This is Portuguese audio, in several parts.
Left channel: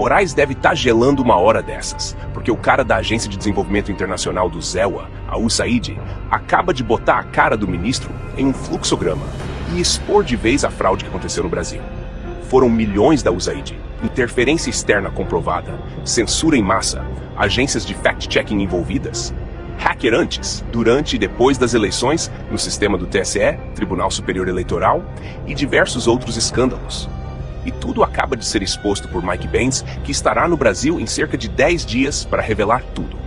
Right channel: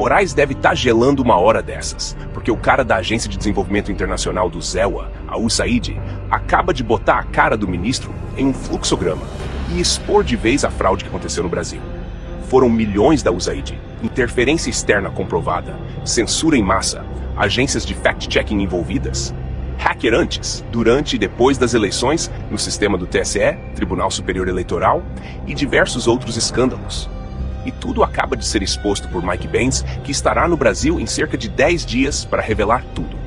Moraes deve estar gelando uma hora dessas, porque o cara da Agência de Desenvolvimento Internacional do ZEWA, a USAID, acaba de botar a cara do ministro em um fluxograma e expor de vez a fraude que aconteceu no Brasil. Foram milhões da USAID, interferência externa comprovada, censura em massa, agências de fact-checking envolvidas, hacker antes, durante e depois das eleições no sistema do TSE, Tribunal Superior Eleitoral, e diversos outros escândalos. E tudo acaba de ser exposto por Mike Benz, que estará no Brasil em cerca de 10 dias para revelar tudo.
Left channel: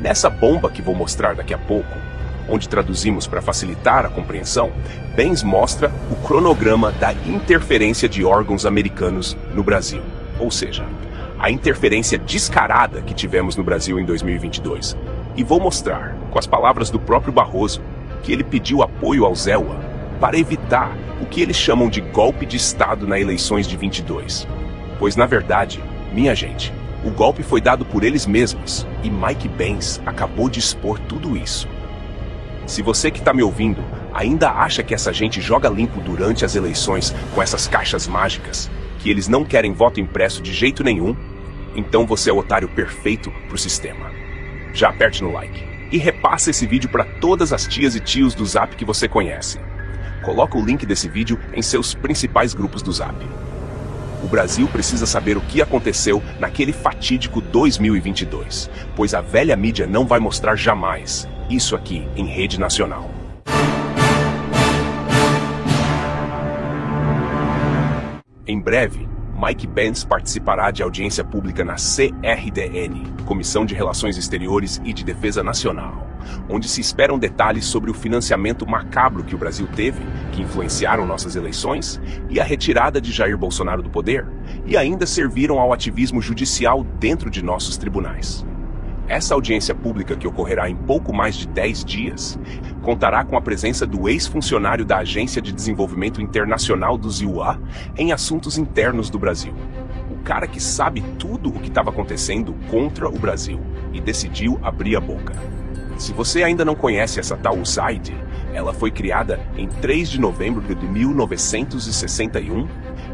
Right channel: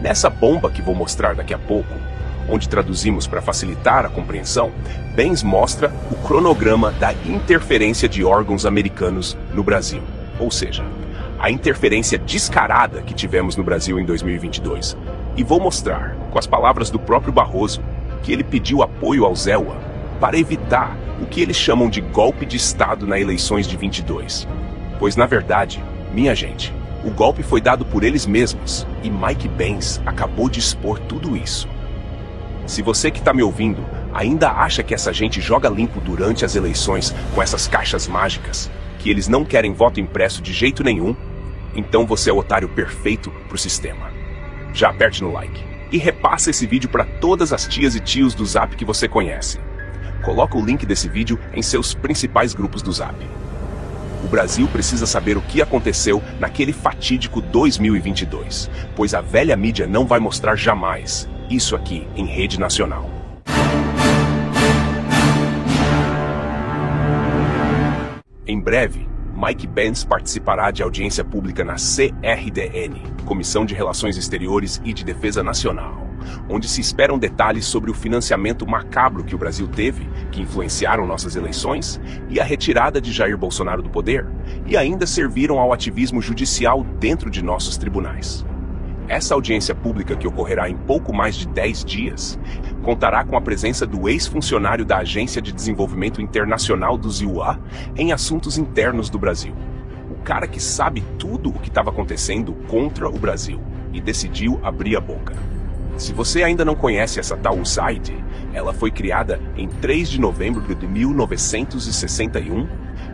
Nessa bomba que vou mostrar daqui a pouco, onde traduzimos para facilitar a compreensão, Benz mostra o cronograma da interferência de órgãos americanos no Brasil. Ou seja, a interferência descarada que tivemos no Brasil em 2022. E vou mostrar, com as palavras do próprio Barroso, que ele pediu apoio ao ZEWA para evitar o que eles chamam de golpe de Estado nas eleições de 22. Pois, na verdade, minha gente, o golpe foi dado por eles mesmos e Mike Benz acabou de expor tudo isso. Se você que está me ouvindo ainda acha que essa gente joga limpo durante as eleições com essas caixas mágicas, que eles não querem voto impresso de jeito nenhum, então você é o otário perfeito para o sistema. Já aperte no like e repassa esse vídeo para todas as tias e tios do Zap que você conhece. Coloca o link desse vídeo em seus principais grupos do Zap. O Brasil precisa saber o que aconteceu naquele fatídico 2022, pois a velha mídia não vai mostrar jamais isso aqui em rede nacional. Em breve, Mike Benz participará de audiência pública na CRDN, Comissão de Relações Exteriores e de Defesa Nacional, onde se esperam detalhes sobre o financiamento macabro que o Brasil teve, que influenciaram nossas eleições, e a retirada de Jair Bolsonaro do poder, e ainda serviram ao ativismo judicial dentro de nossos tribunais. Essa audiência pública, que ocorrerá em pouco mais de 10 dias, contará com a presença do ex-funcionário da Agência de Desenvolvimento Internacional do ZEWA em assuntos internos do Brasil. O cara que sabe tudo o que estava acontecendo contra o Brasil e decidiu abrir a boca. Se você ainda não conhece essa tal USAID, ela foi criada em 3 de novembro de 1961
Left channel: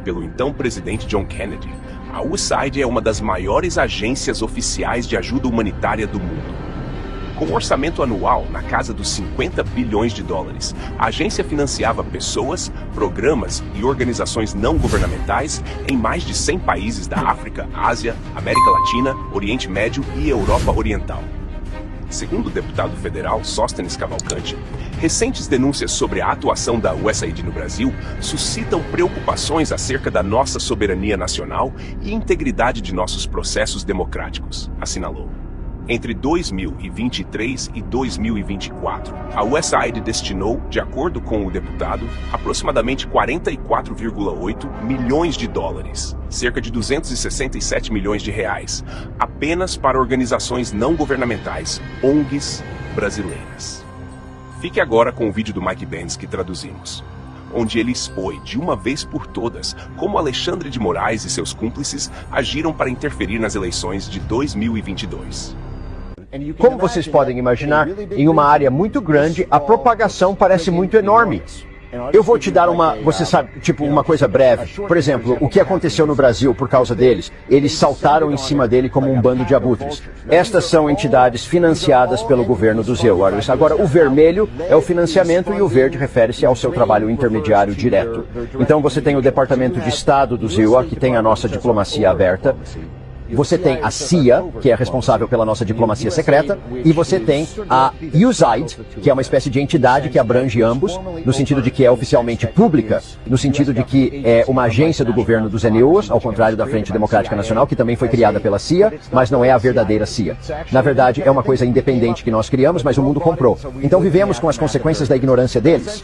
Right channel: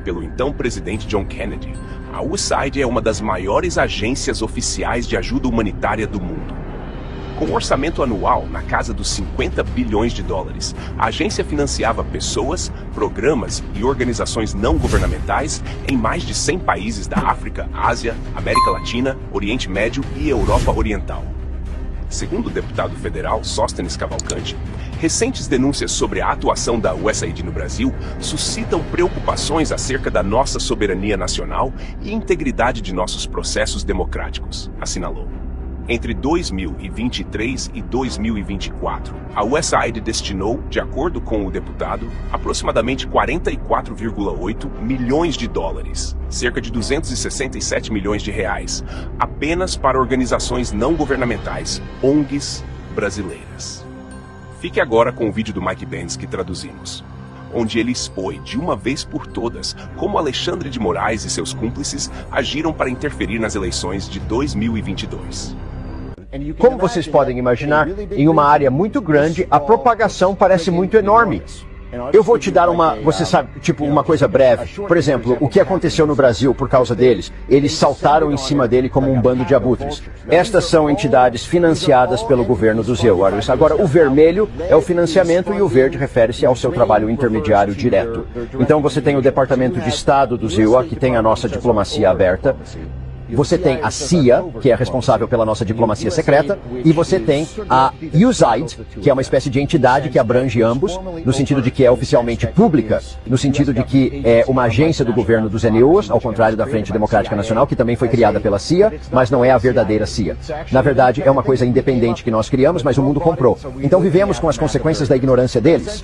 pelo então presidente John Kennedy. A USAID é uma das maiores agências oficiais de ajuda humanitária do mundo. Com um orçamento anual na casa dos 50 bilhões de dólares, a agência financiava pessoas, programas e organizações não governamentais em mais de 100 países da África, Ásia, América Latina, Oriente Médio e Europa Oriental. Segundo o deputado federal Sóstenes Cavalcante, recentes denúncias sobre a atuação da USAID no Brasil suscitam preocupações acerca da nossa soberania nacional e integridade de nossos processos democráticos, assinalou. Entre 2023 e 2024, a USAID destinou, de acordo com o deputado, aproximadamente 44,8 milhões de dólares, cerca de 267 milhões de reais, apenas para organizações não governamentais, ONGs brasileiras. Fique agora com o vídeo do Mike Benz que traduzimos, onde ele expõe de uma vez por todas como Alexandre de Moraes e seus cúmplices agiram para interferir nas eleições de 2022. Como vocês podem imaginar, em uma área muito grande, a propagação parece muito enorme. Eu vou te dar você sabe, tipo uma coisa breve. Por exemplo, o que aconteceu no Brasil por causa deles? Eles saltaram em cima dele como um bando de abutres. Estas são entidades financiadas pelo governo do ZEWA. Agora, o vermelho é o financiamento e o verde refere-se ao seu trabalho intermediário direto. Então você tem o Departamento de Estado do ZEWA, que tem a nossa diplomacia aberta. Você tem a CIA, que é responsável pela nossa diplomacia secreta, e você tem a USAID, que é uma espécie de entidade que abrange ambos, no sentido de que é oficialmente pública, no sentido de que é uma agência do governo dos NUOs, ao contrário da Frente Democrática Nacional, que também foi criada pela CIA, mas não é a verdadeira CIA. Na verdade, é uma coisa independente que nós criamos, mas o mundo comprou. Então vivemos com as consequências da ignorância deles.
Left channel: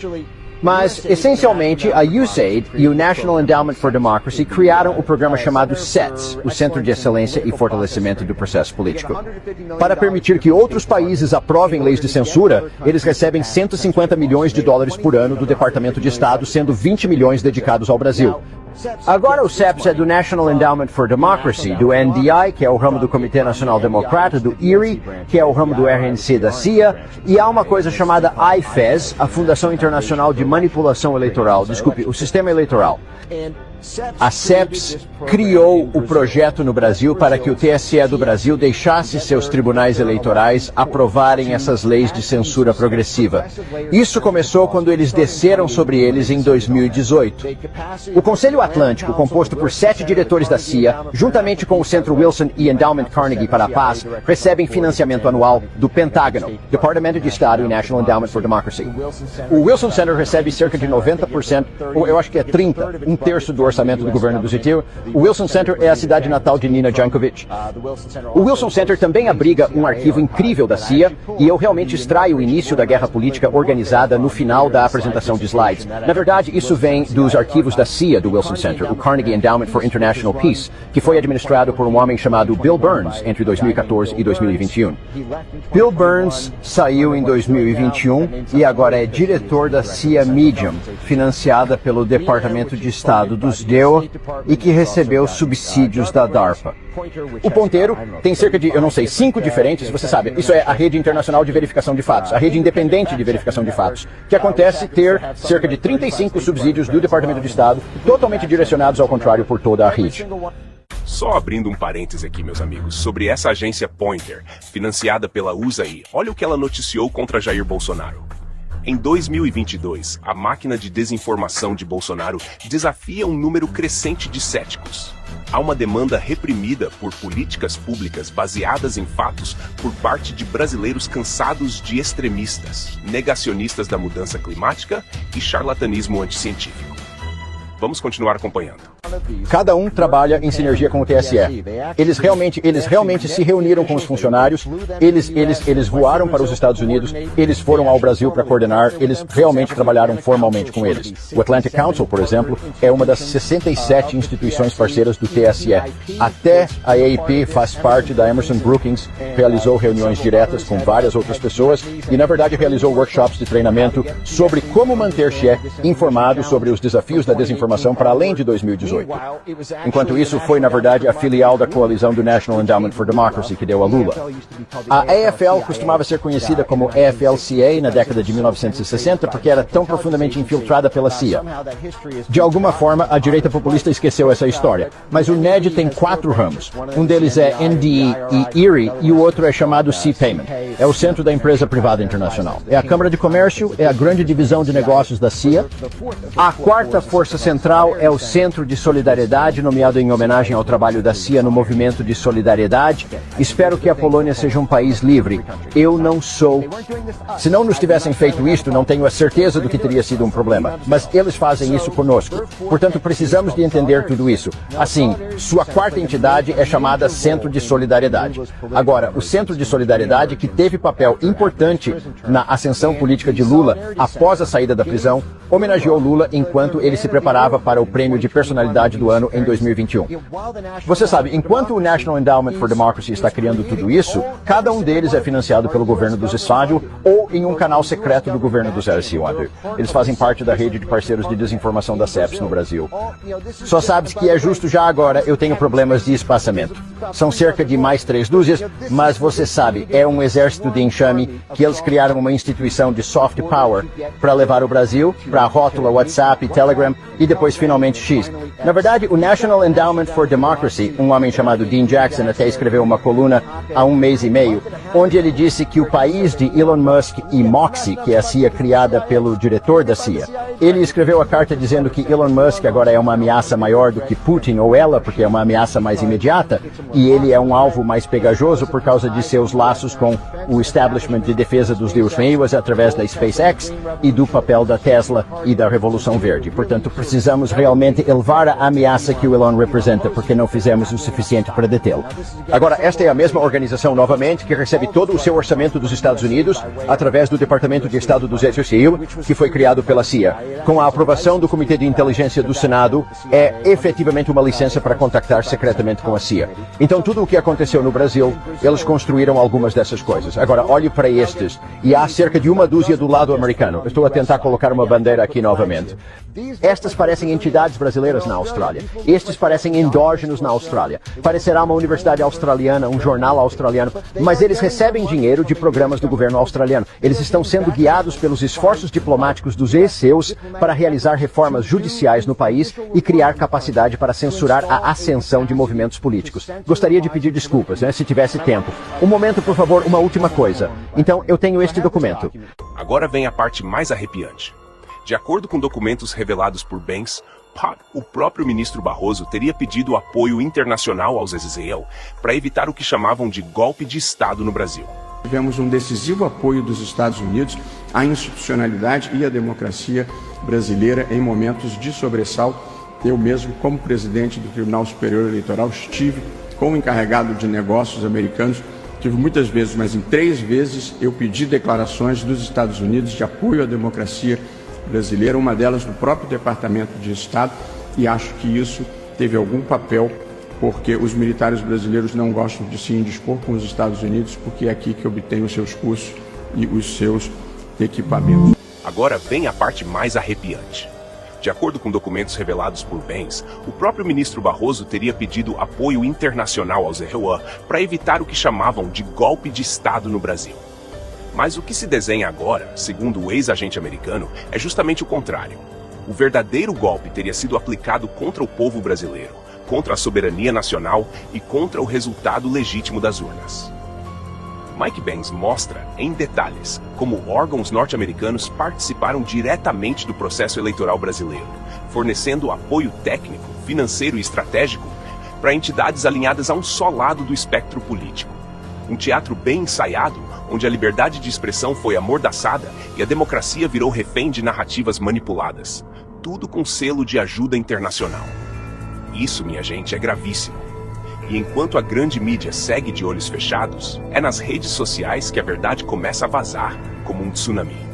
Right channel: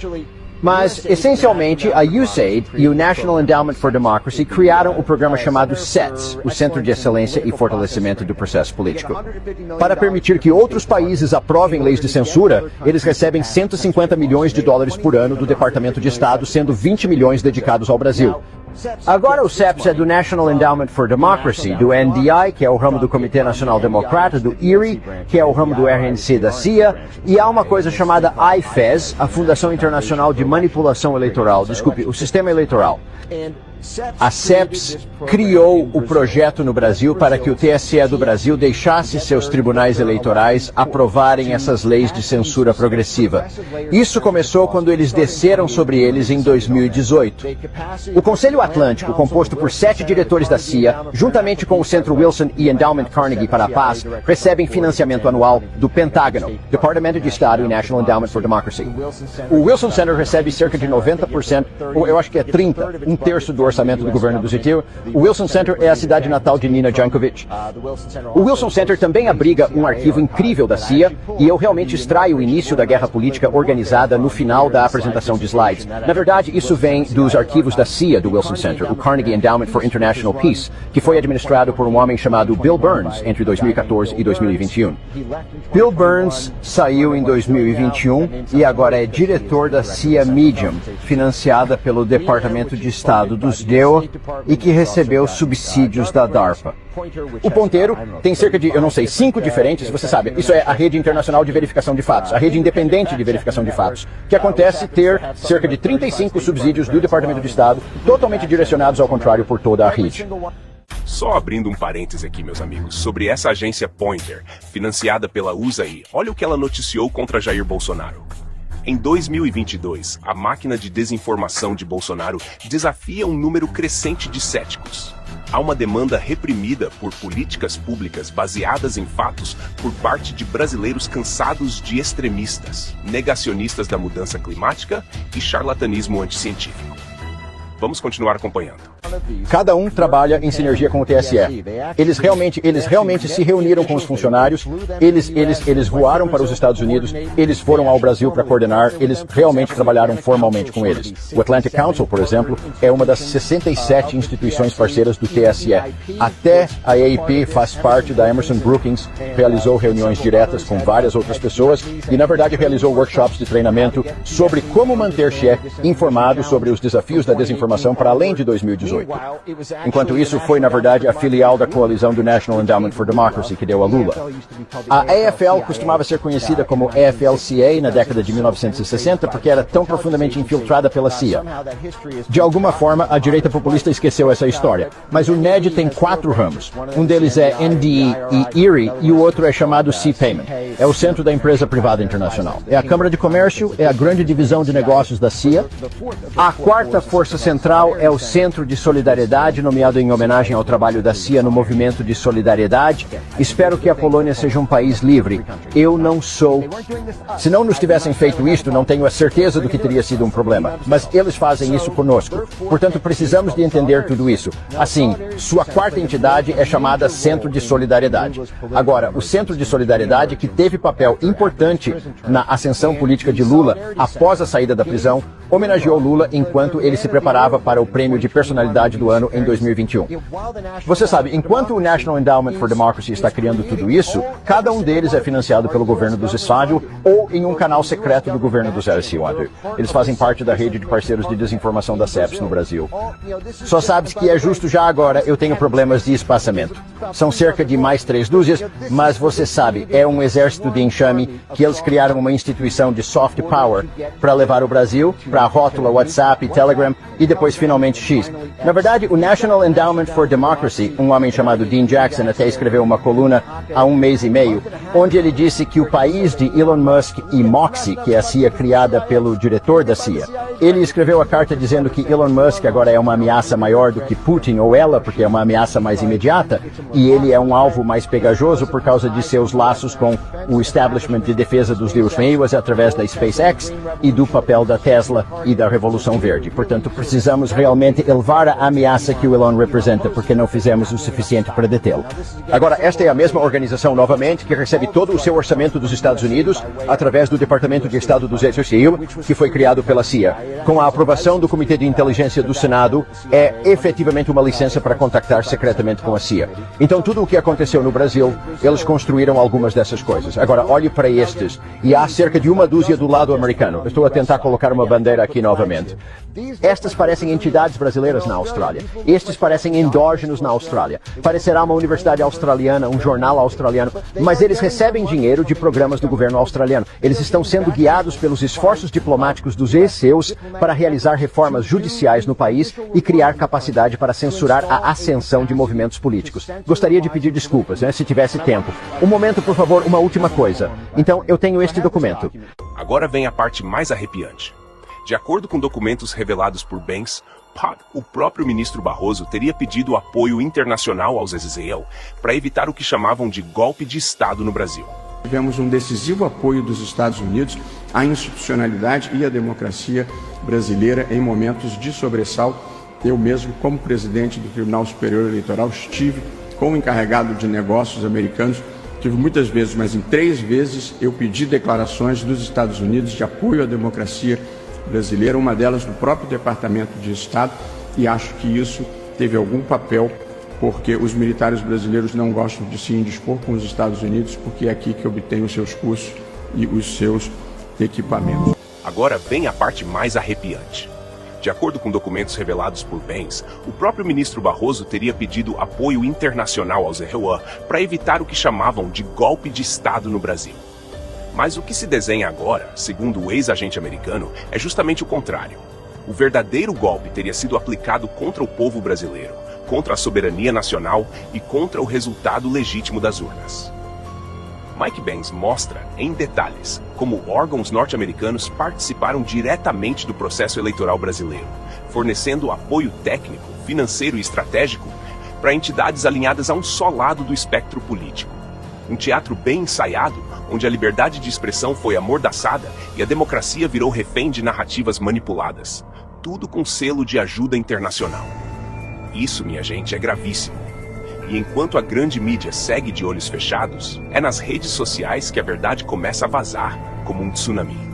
Mas, essencialmente, a USAID e o National Endowment for Democracy criaram um programa chamado CETS, o Centro de Excelência e Fortalecimento do Processo Político. Para permitir que outros países aprovem leis de censura, eles recebem 150 milhões de dólares por ano do Departamento de Estado, sendo 20 milhões dedicados ao Brasil. Agora o CEPS é do National Endowment for Democracy, do NDI, que é o ramo do Comitê Nacional Democrata, do IRI, que é o ramo do RNC da CIA, e há uma coisa chamada IFES, a Fundação Internacional de Manipulação Eleitoral, o Sistema Eleitoral. A SEPS criou o projeto no Brasil para que o TSE do Brasil deixasse seus tribunais eleitorais aprovarem essas leis de censura progressiva. Isso começou quando eles desceram sobre eles em 2018. O Conselho Atlântico, composto por 7 diretores da CIA, juntamente com o Centro Wilson e Endowment Carnegie para a Paz, recebem financiamento anual do Pentágono, Departamento de Estado e National Endowment for Democracy. O Wilson Center recebe cerca de 90%, ou eu acho que é 30%, um terço do orçamento do governo do Zitil. O Wilson Center é a cidade natal de Nina Jankovic. O Wilson Center também abriga um arquivo incrível da CIA, e eu realmente extraio o início da guerra política organizada no final da apresentação de slides. Na verdade, isso vem dos arquivos da CIA do Wilson Center, o Carnegie Endowment for International Peace, que foi administrado por um homem chamado Bill Burns entre 2014 e 2021. Bill Burns saiu em 2021 e agora é diretor da CIA Medium, financiada pelo Departamento de Estado dos DEO e que recebeu subsídios da DARPA. O ponteiro tem cerca de, 5 diferentes, você sabe, isso é a rede internacional de verificação de fatos, a rede independente de verificação de fatos, que acontece ter cerca de 35 subsídios do Departamento de Estado, totalmente direcionados ao contrário por toda a rede. Só abrindo um parêntese aqui, meus amigos, sobre essa agência Pointer, financiada pela USAID, olha o que ela noticiou contra Jair Bolsonaro. Em 2022, a máquina de desinformação de Bolsonaro desafia um número crescente de céticos. Há uma demanda reprimida por políticas públicas baseadas em fatos por parte de brasileiros cansados de extremistas, negacionistas da mudança climática e charlatanismo anticientífico. Vamos continuar acompanhando. Cada um trabalha em sinergia com o TSE. Eles realmente se reuniram com os funcionários, eles voaram para os Estados Unidos, eles foram ao Brasil para coordenar, eles realmente trabalharam formalmente com eles. O Atlantic Council, por exemplo, é uma das 67 instituições parceiras do TSE. Até a AAP faz parte da Emerson Brookings, realizou reuniões diretas com várias outras pessoas e, na verdade, realizou workshops de treinamento sobre como manter-se informado sobre os desafios da desinformação para além de 2018. Enquanto isso foi, na verdade, a filial da coalizão do National Endowment for Democracy que deu a Lula. A AFL costumava ser conhecida como AFL-CA na década de 1960 porque era tão profundamente infiltrada pela CIA. De alguma forma, a direita populista esqueceu essa história. Mas o NED tem 4 ramos. Um deles é NDE e ERIE e o outro é chamado C-Payment. É o centro da empresa privada internacional. É a Câmara de Comércio, é a grande divisão de negócios da CIA. A quarta força central é o Centro de Solidariedade, nomeado em homenagem ao trabalho da CIA no movimento de solidariedade. Espero que a Polônia seja um país livre. Eu não sou. Se não nos tivessem feito isto, não tenho a certeza do que teria sido um problema. Mas eles fazem isso conosco. Portanto, precisamos de entender tudo isso. Assim, sua quarta entidade é chamada Centro de Solidariedade. Agora, o Centro de Solidariedade, que teve papel importante na ascensão política de Lula após a saída da prisão, homenageou Lula enquanto ele se preparava para o prêmio de personalidade do ano em 2021. Você sabe, enquanto o National Endowment for Democracy está criando tudo isso, cada um deles é financiado pelo governo do Estado ou em um canal secreto do governo do Zé Silva. Eles fazem parte da rede de parceiros de desinformação da SEPS no Brasil. Só sabes que é justo já agora eu tenho problemas de espaçamento. São cerca de mais 3 dúzias, mas você sabe, é um exército de enxame que eles criaram uma instituição de soft power para levar o Brasil para a rótula WhatsApp, Telegram e depois finalmente X. Na verdade, o National Endowment for Democracy, um homem chamado Dean Jackson até escreveu uma coluna há 1 mês e meio, onde ele disse que o país de Elon Musk e Moxie, que é a CIA criada pelo diretor da CIA, ele escreveu a carta dizendo que Elon Musk agora é uma ameaça maior do que Putin ou ela, porque é uma ameaça mais imediata, e ele é um alvo mais pegajoso por causa de seus laços com o establishment de defesa dos Deus Neighbors através da SpaceX e do papel da Tesla e da Revolução Verde. Portanto, precisamos realmente elevar a ameaça que o Elon representa, porque não fizemos o suficiente para detê-lo. Agora, esta é a mesma organização, novamente, que recebe todo o seu orçamento dos Estados Unidos através do Departamento de Estado do Zé Silva, que foi criado pela CIA. Com a aprovação do Comitê de Inteligência do Senado, é efetivamente uma licença para contactar secretamente com a CIA. Então, tudo o que aconteceu no Brasil, eles construíram algumas dessas coisas. Agora, olhe para estes, e há cerca de 1 dúzia do lado americano. Eu estou a tentar colocar uma bandeira aqui novamente. Estas parecem entidades brasileiras na Austrália. Estes parecem indígenas na Austrália. será uma universidade australiana, um jornal australiano, mas eles recebem dinheiro de programas do governo australiano. Eles estão sendo guiados pelos esforços diplomáticos dos ECEUs para realizar reformas judiciais no país e criar capacidade para censurar a ascensão de movimentos políticos. Gostaria de pedir desculpas, se tivesse tempo. Um momento, por favor, uma última coisa. Então, eu tenho este documento. Agora vem a parte mais arrepiante. De acordo com documentos revelados por Banks, o próprio ministro Barroso teria pedido apoio internacional aos Israel para evitar o que chamavam de golpe de Estado no Brasil. Tivemos um decisivo apoio dos Estados Unidos à institucionalidade e à democracia brasileira em momentos de sobressalto. Eu mesmo, como presidente do Tribunal Superior Eleitoral, estive como encarregado de negócios americanos. Tive muitas vezes, mas em 3 vezes eu pedi declarações dos Estados Unidos de apoio à democracia brasileira, uma delas no próprio Departamento de Estado, e acho que isso teve algum papel, porque os militares brasileiros não gostam de se indispor com os Estados Unidos, porque é aqui que obtêm os seus cursos e os seus equipamentos. Agora vem a parte mais arrepiante. De acordo com documentos revelados por Banks, o próprio ministro Barroso teria pedido apoio internacional aos Israel para evitar o que chamavam de golpe de Estado no Brasil. Mas o que se desenha agora, segundo o ex-agente americano, é justamente o contrário. O verdadeiro golpe teria sido aplicado contra o povo brasileiro, contra a soberania nacional e contra o resultado legítimo das urnas. Mike Banks mostra, em detalhes, como órgãos norte-americanos participaram diretamente do processo eleitoral brasileiro, fornecendo apoio técnico, financeiro e estratégico para entidades alinhadas a um só lado do espectro político. Um teatro bem ensaiado, onde a liberdade de expressão foi amordaçada e a democracia virou refém de narrativas manipuladas. Tudo com selo de ajuda internacional. Isso, minha gente, é gravíssimo. E enquanto a grande mídia segue de olhos fechados, é nas redes sociais que a verdade começa a vazar como um tsunami.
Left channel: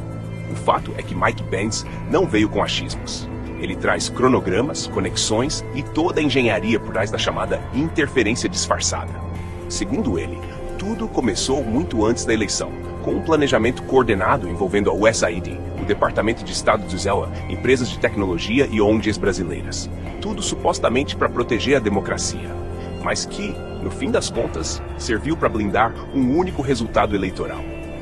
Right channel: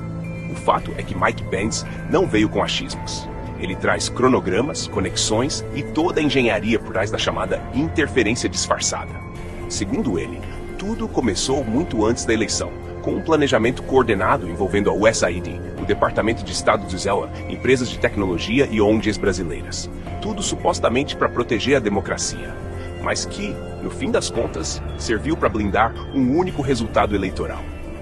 O fato é que Mike Banks não veio com achismos. Ele traz cronogramas, conexões e toda a engenharia por trás da chamada interferência disfarçada. Segundo ele, tudo começou muito antes da eleição, com um planejamento coordenado envolvendo a USAID, o Departamento de Estado de Israel, empresas de tecnologia e ONGs brasileiras. Tudo supostamente para proteger a democracia, mas que, no fim das contas, serviu para blindar um único resultado eleitoral:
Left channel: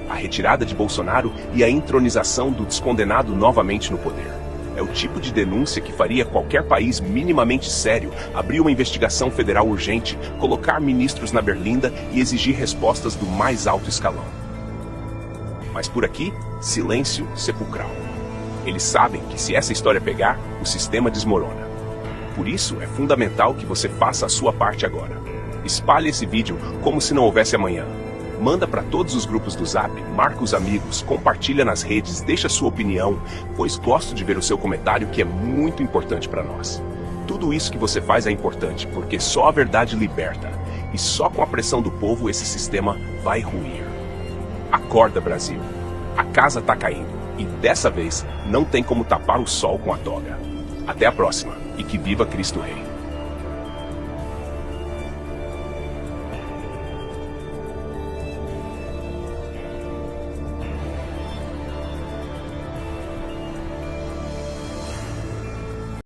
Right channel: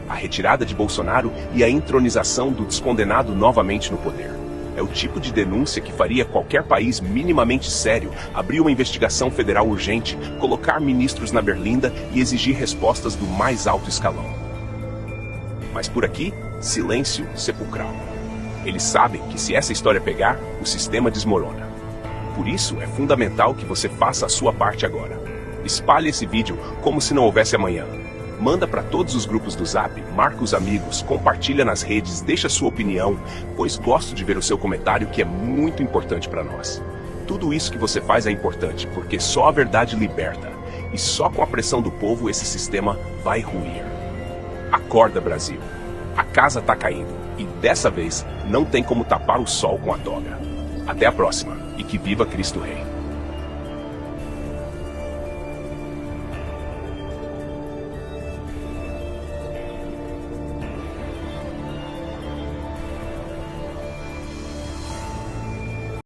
a retirada de Bolsonaro e a entronização do descondenado novamente no poder. É o tipo de denúncia que faria qualquer país minimamente sério abrir uma investigação federal urgente, colocar ministros na berlinda e exigir respostas do mais alto escalão. Mas por aqui, silêncio sepulcral. Eles sabem que se essa história pegar, o sistema desmorona. Por isso, é fundamental que você faça a sua parte agora. Espalhe esse vídeo como se não houvesse amanhã. Manda para todos os grupos do Zap, marca os amigos, compartilha nas redes, deixa sua opinião, pois gosto de ver o seu comentário, que é muito importante para nós. Tudo isso que você faz é importante, porque só a verdade liberta, e só com a pressão do povo esse sistema vai ruir. Acorda, Brasil. A casa tá caindo, e dessa vez não tem como tapar o sol com a toga. Até a próxima, e que viva Cristo Rei.